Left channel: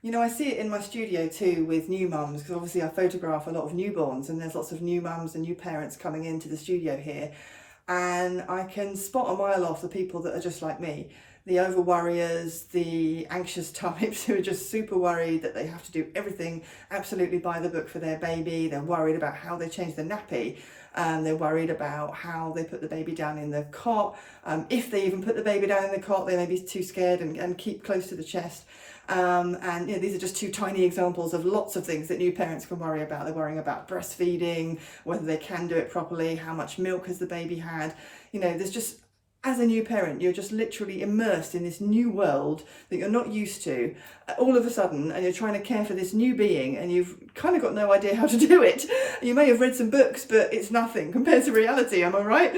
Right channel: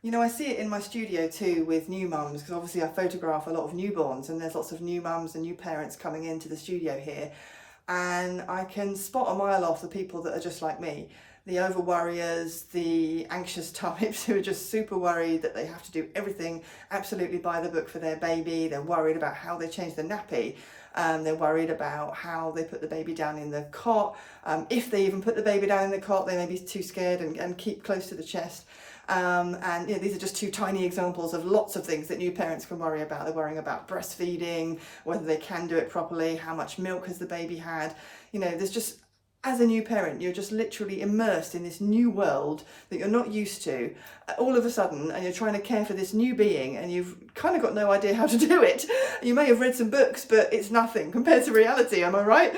You know, I see it in my studio too with new mums, because obviously I photograph a lot of newborns and there's lots of new mums and new parents coming into the studio here. And I can spot a mile off the people that are just like me. The over worriers, the anxious types who are just super worried that they have to do everything absolutely by the book for their baby. They're worried about how they change the nappy. They're worried about how they put the baby down in the cot. If they even put the baby down in the cot, they may be too scared and keep close to the chest. And you know, these are just two tiny examples of lots of things that new parents can worry about. They're worrying about breastfeeding, whether they can do it properly, how much milk has the baby had. You know, there's just, as a new parent, you're just literally immersed in this new world that you're not used to all of a sudden, and you're trying to care for this new being and you've kind of got no idea how to do it. You may have read some books, but it's nothing compared to reality, am I right?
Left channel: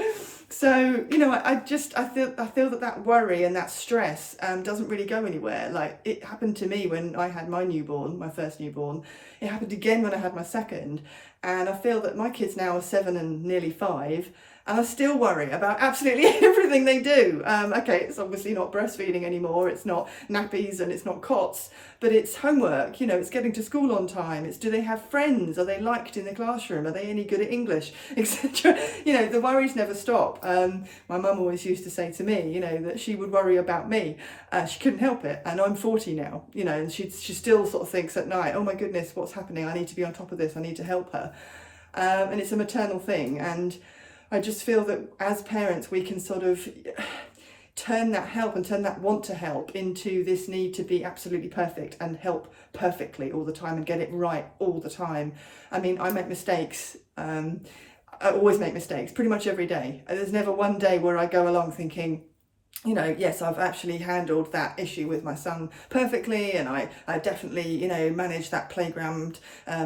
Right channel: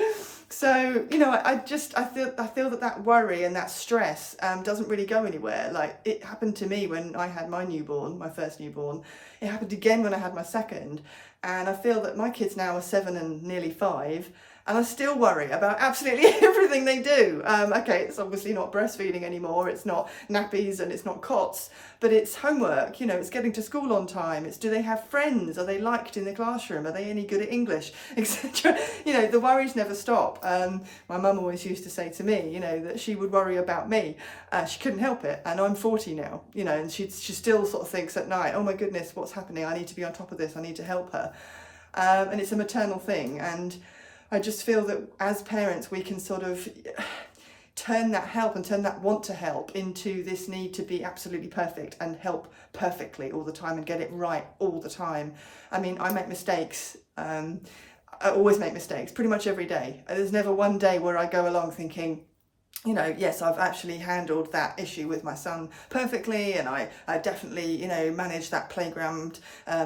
So, you know, I feel that worry and that stress doesn't really go anywhere. Like, it happened to me when I had my newborn, my first newborn. It happened again when I had my second. And I feel that my kids now are 7 and nearly 5. And I still worry about absolutely everything they do. Okay, it's obviously not breastfeeding anymore, it's not nappies and it's not cots, but it's homework, you know, it's getting to school on time, it's do they have friends, are they liked in the classroom, are they any good at English, etc. You know, the worries never stop. My mum always used to say to me, you know, that she would worry about me. She couldn't help it, and I'm 40 now, you know, and she still sort of thinks at night, oh my goodness, what's happening, I need to be on top of this, I need to help her. And it's a maternal thing, and I just feel that as parents we can sort of turn that help and turn that want to help into this need to be absolutely perfect and help perfectly all the time and get it right all the time. I mean, I make mistakes. I always make mistakes pretty much every day. There's never one day where I go along thinking, you know, yes, I've actually handled that issue with my son perfectly, and I definitely, you know, managed that playground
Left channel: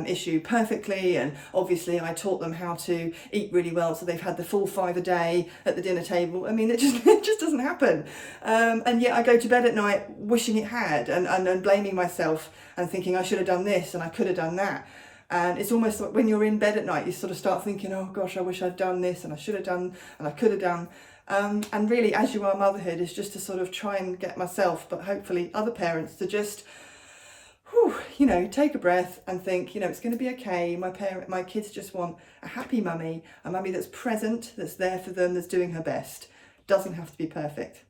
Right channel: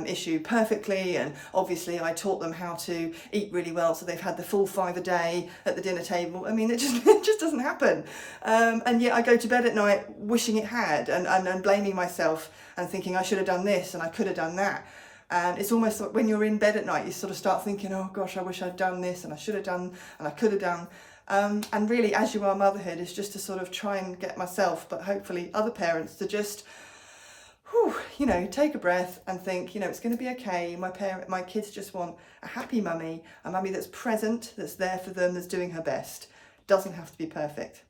issue perfectly, and obviously I taught them how to eat really well, so they've had the full 5 a day at the dinner table. I mean, it just doesn't happen, and yet I go to bed at night wishing it had, and blaming myself and thinking I should have done this and I could have done that. And it's almost like when you're in bed at night, you sort of start thinking, oh gosh, I wish I'd done this and I should have done and I could have done. And really, As You Are Motherhood is just to sort of try and get myself, but hopefully other parents, to just, you know, take a breath and think, you know, it's going to be okay. My kids just want a happy mummy, a mummy that's present, that's there for them, that's doing her best. Doesn't have to be perfect.